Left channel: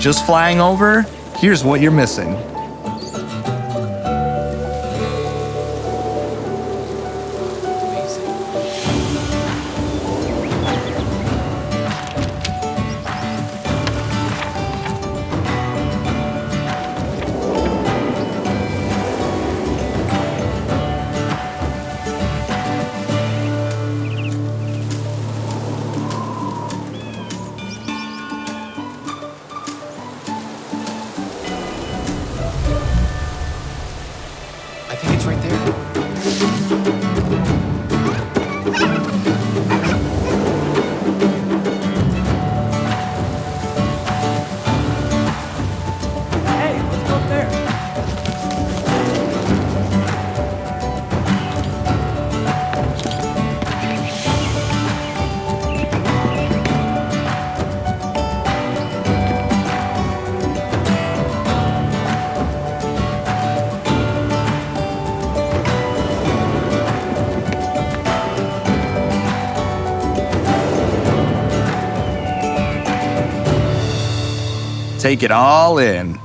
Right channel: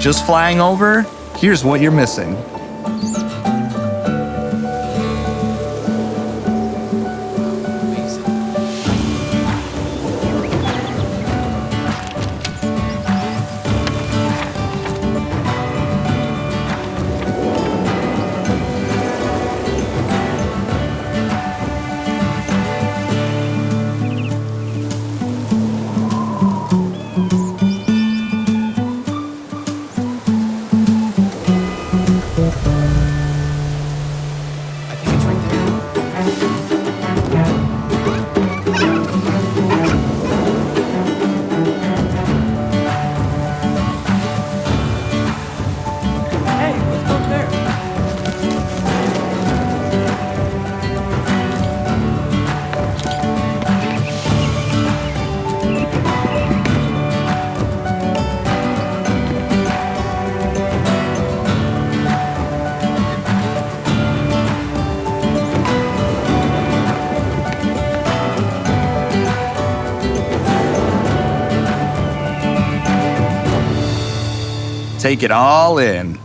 Just flying over, here's what you're missing. I think it's right there. Hey, let's go up there. Take it all in.